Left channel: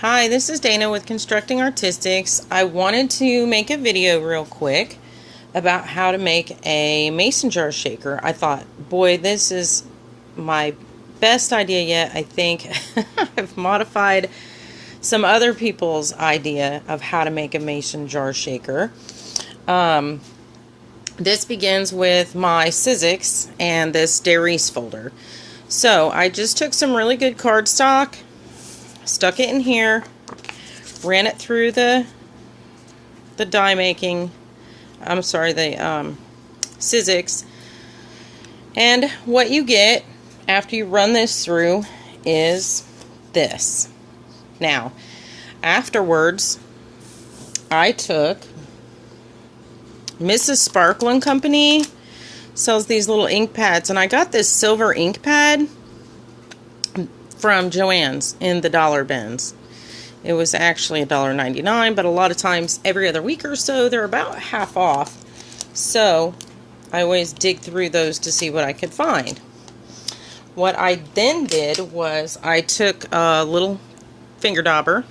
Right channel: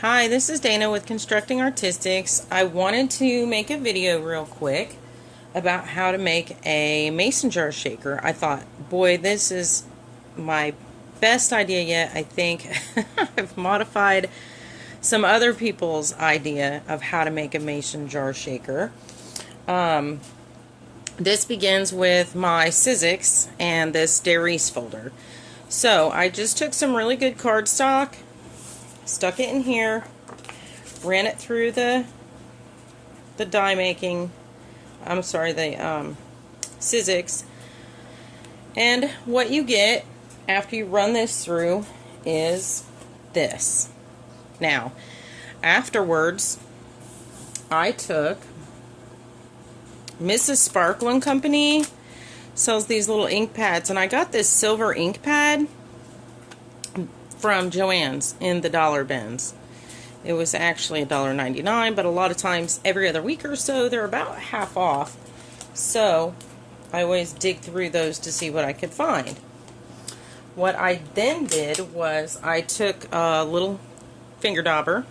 Hi, this is Dana with Constructing Artistics. I wanted to make a video real quick about how to make a mason jar shaker. I thought, boy, this is my best idea yet. I think I've modified some other people's idea of how to make a mason jar shaker. This begins with my Sizzix and this Darice folder. So I just took some really good cardstock, stuck it in here, ran it through the die making, the Sizzix, and what you get after you run this through is this. Now, afterwards, I took Mrs. Sparkle & Company sells these little ink pads, and I got this silver ink pad from Joann's in the dollar bins. It was actually $1.99, but a lot of times every other week or so they're about half off. So I always dig through those to see what I could find. What I then did was I took a little finger dauber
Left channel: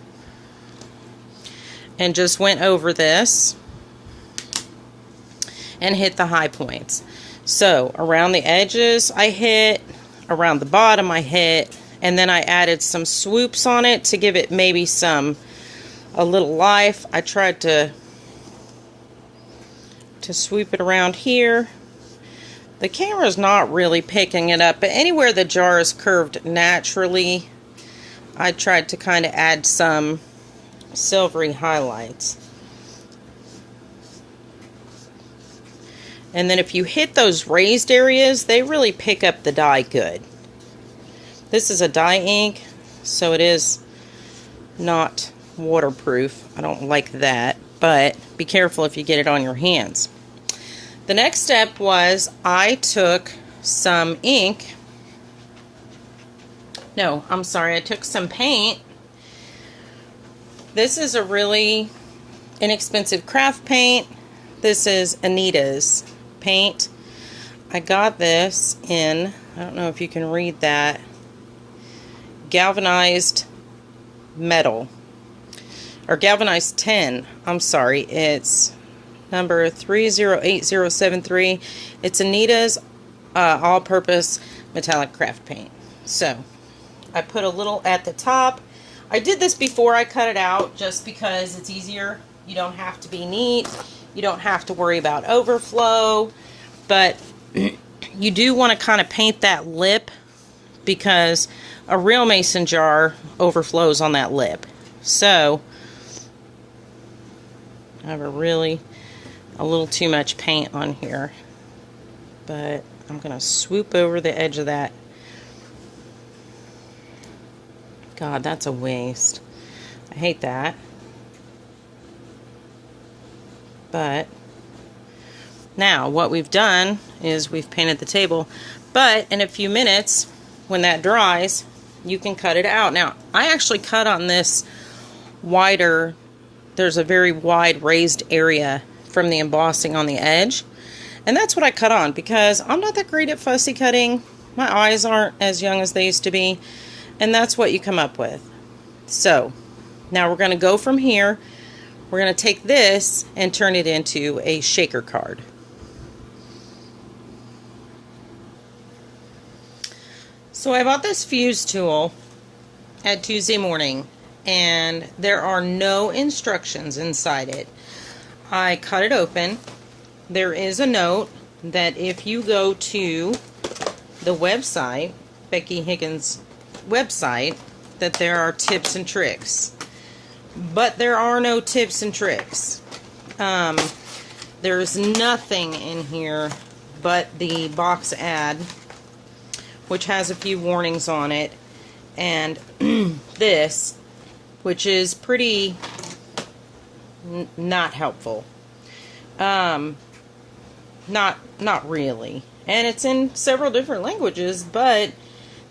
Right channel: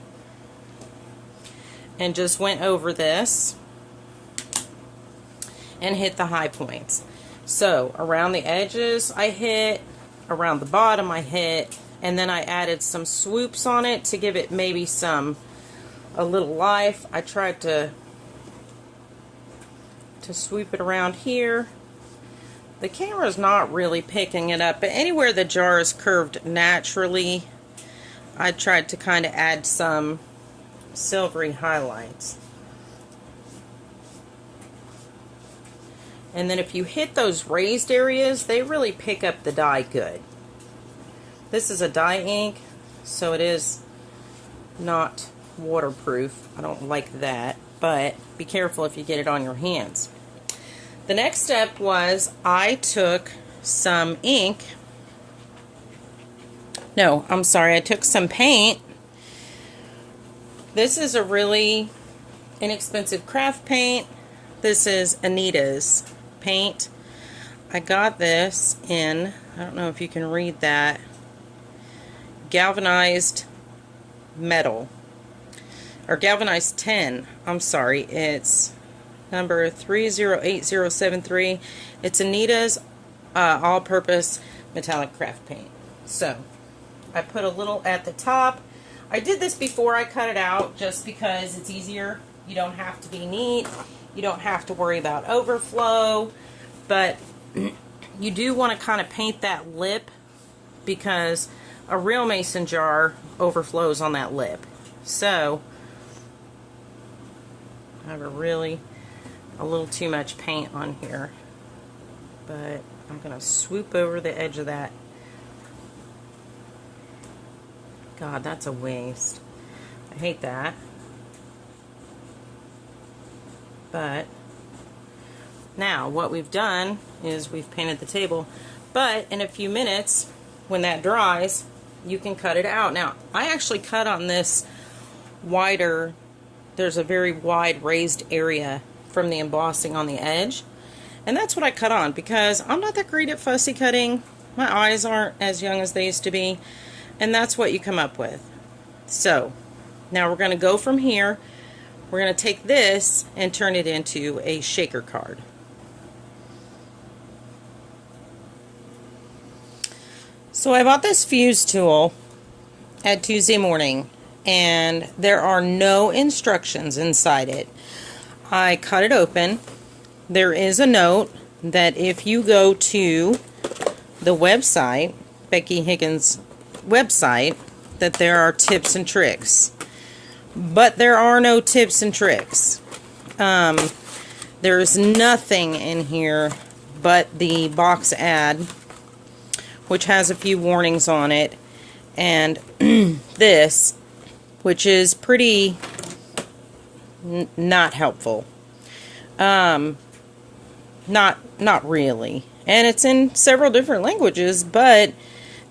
and just went over this and hit the high points. So around the edges I hit, around the bottom I hit, and then I added some swoops on it to give it maybe a little life. I tried to swoop it around here. The camera's not really picking it up, but anywhere the jar is curved naturally, I tried to kind of add some silvery highlights. And then if you hit those raised areas, they really pick up the dye good. This is a dye ink, so it is not waterproof. I don't like that, but be careful if you get it on your hands. The next step was I took some ink. No, I'm sorry, I took some paint. This is a really inexpensive craft paint. This is Anita's paint. I got this in, I don't know if you can read that, galvanized metal, or galvanized tin. I'm sorry, it's number 308073. It's Anita's all-purpose metallic craft paint. So I put a little at the top. I did this before I cut it out just because it's easier. You don't have to be neat. You don't have to worry about overflow, but you do want to kind of paint that lip because a real mason jar overflows on that lip. So I have a little too much paint on here, but I'm going to swoop over the edge of that. God, that's a waste. I hate that. But now what we've done is we've painted the table, but in a few minutes when that dries, you can cut it out. Now, I actually cut on this wider, there's a very wide raised area from the embossing on the edge, and that's what I cut on because I'm not that great at fussy cutting. My eyes aren't as young as they used to be, and that's what you come up with. So now we're going to go from here. We're going to take this and turn it into a shaker card. So I bought this fuse tool at Tuesday morning, and there are no instructions inside it. I cut it open. There is a note that if you go to the website, Becky Higgins' website, that there are tips and tricks. But there are no tips and tricks. There's nothing in here but the box ad, which has a few warnings on it, and this, which is pretty not helpful. Not really. And it's in several different languages, but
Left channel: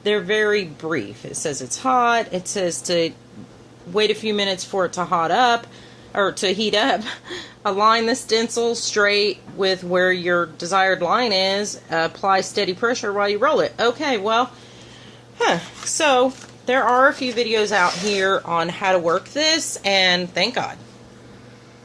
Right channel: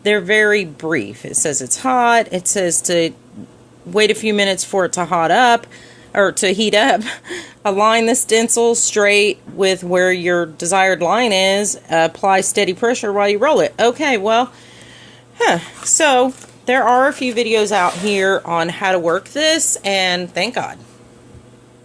they're very brief. It says it's hot. It says to wait a few minutes for it to heat up. Align the stencil straight with where your desired line is. Apply steady pressure while you roll it. Okay, well, so there are a few videos out here on how to work this, and thank God.